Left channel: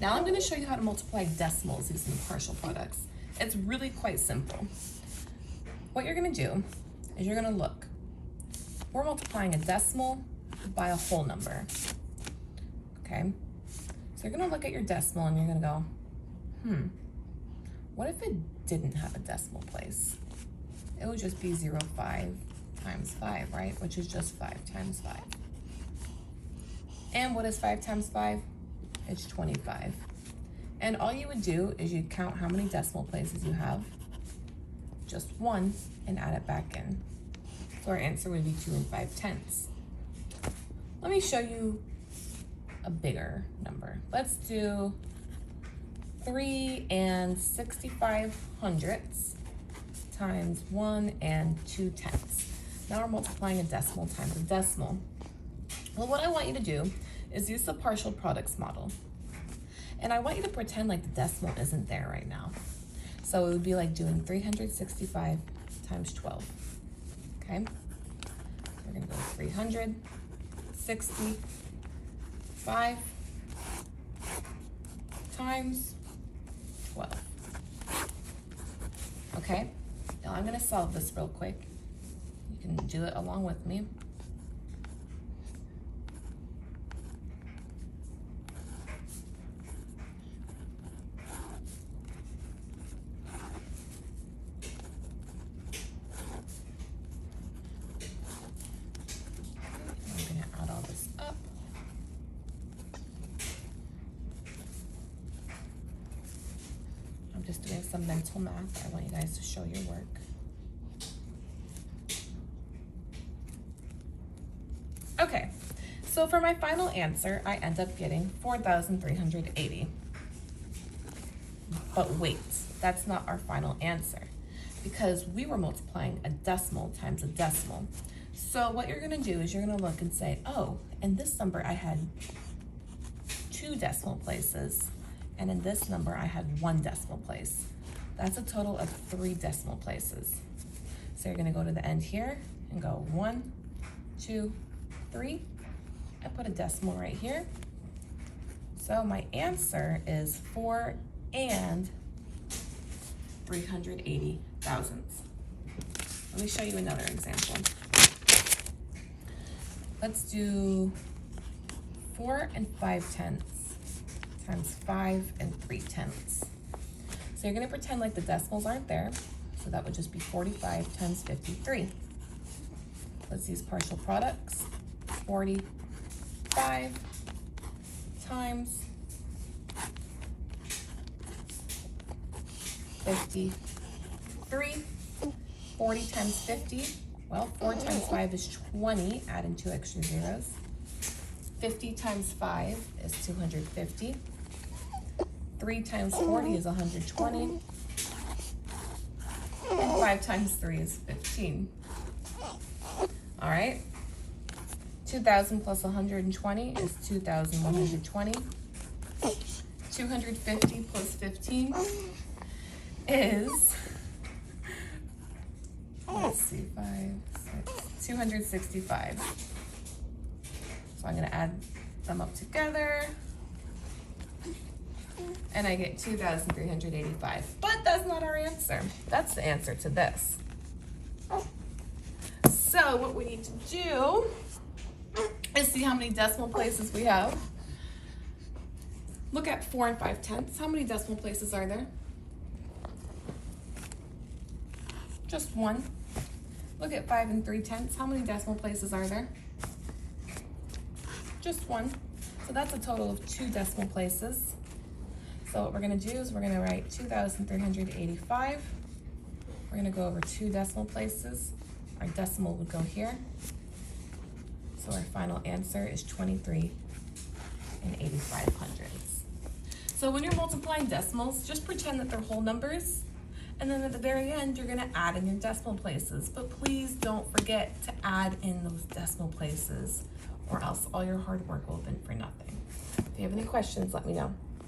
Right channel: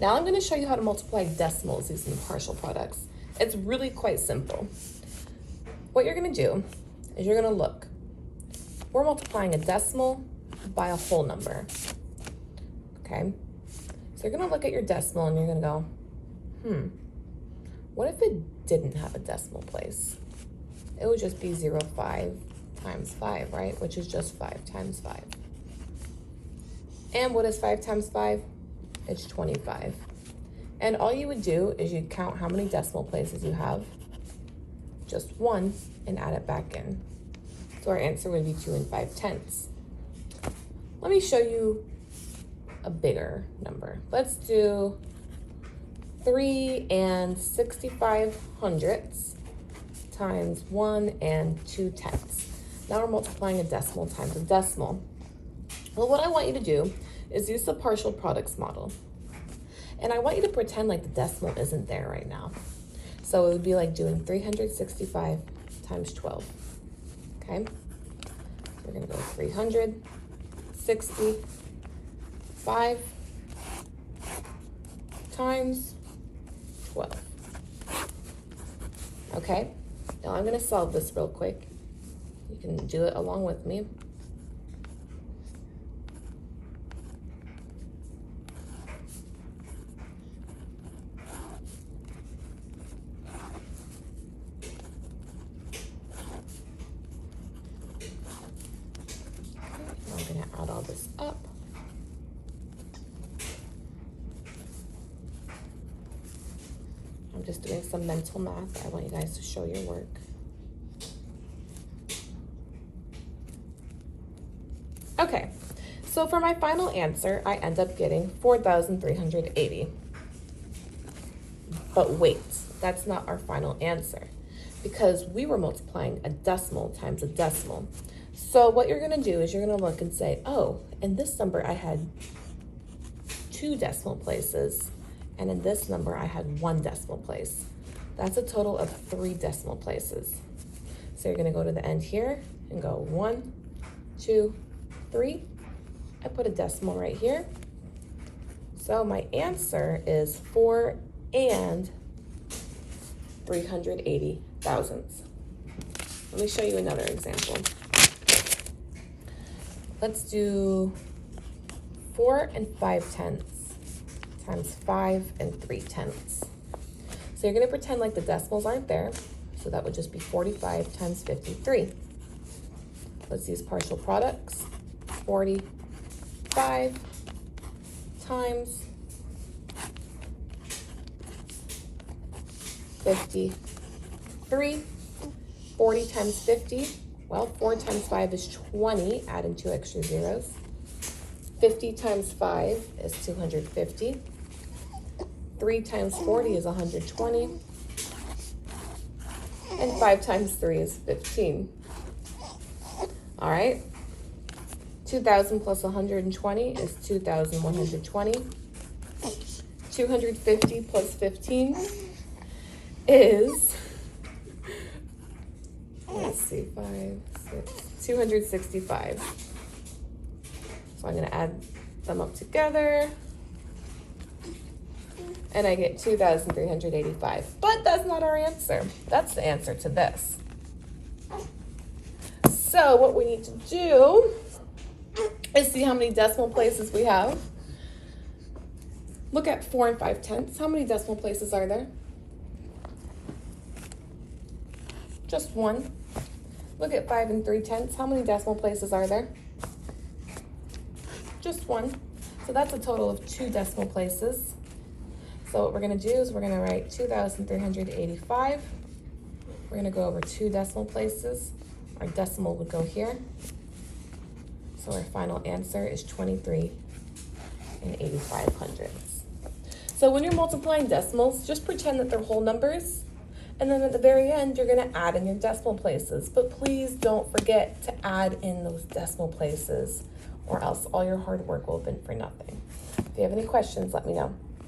Now I'm gonna show you how to multiply decimals using partial products. It's really quite simple. What you're gonna do is you're gonna look. We're multiplying a decimal by a whole number, okay? So you're gonna look at your decimal and you're gonna go, what if it didn't have a decimal place? It would just be 0.5 times 5, right? Which is just 5 times 5. And what is 5 times 5? It's 25. And all you would do is you'd count how many decimal places you have, just one, and add it back in. So our answer would be 2 5/10. Let me show you a bigger number. Let's do 3 65/100 times 1 2/10. Now we're multiplying a decimal times a decimal. Well, what I want you to do is use the partial products model. And I want you to pretend like the decimal isn't there right now. So it would be like doing 365 times 12, okay? So we're gonna go 365 times 12, okay? Now I'm gonna solve this real quick. You can do it along with me. I'm just doing some mental math. I want you guys to show your work. Okay, so for my final answer, I end up getting 4,380. But wait, that's not our final answer because we were multiplying a decimal times a decimal. So what you're gonna do is you're gonna look and say, oh, in this number I had 2 decimal places, and in this number I had 1 decimal place. That's a total of 3 decimal places. So you're gonna go to the end here and go 1, 2, 3. I put a decimal right here. So my answer is 4 380 thousandths. Let me show you another example. Let's do 4 5/10 times 5 3/10. So you're gonna pretend like the decimals aren't there. So that would just be 45 times 53. Let's use partial products. 45 times 53. 40 times 50. Well, 4 times 5 is 20, add in 2 extra zeros. 50 times 5 is 250. 3 times 40 is 120. And 5 times 3 is 15. All right. 2,000 plus 120 is 2,120. 250 plus 15 is, let's see, 265. So I'm gonna add them up together and I get 2,385. But that's not our answer. That's the answer to this. So what we need to do is see how many decimal places we have. Look at 4 5/10. How many decimal places are there? Just 1. Look at 5 3/10. How many decimal places are there? Just 1. So that's a total of 2 decimal places. So what we're gonna do is we're gonna write 2,385. We're gonna go over 2 decimal places. Our decimal would go here. So our final answer is 23 85/100. So when you're multiplying decimals, just pretend that they're whole numbers. And then at the very end, you're gonna add in your decimal places. But please don't forget to add in those decimal places or else all your hard work will have been for nothing. If you have any questions, let me know.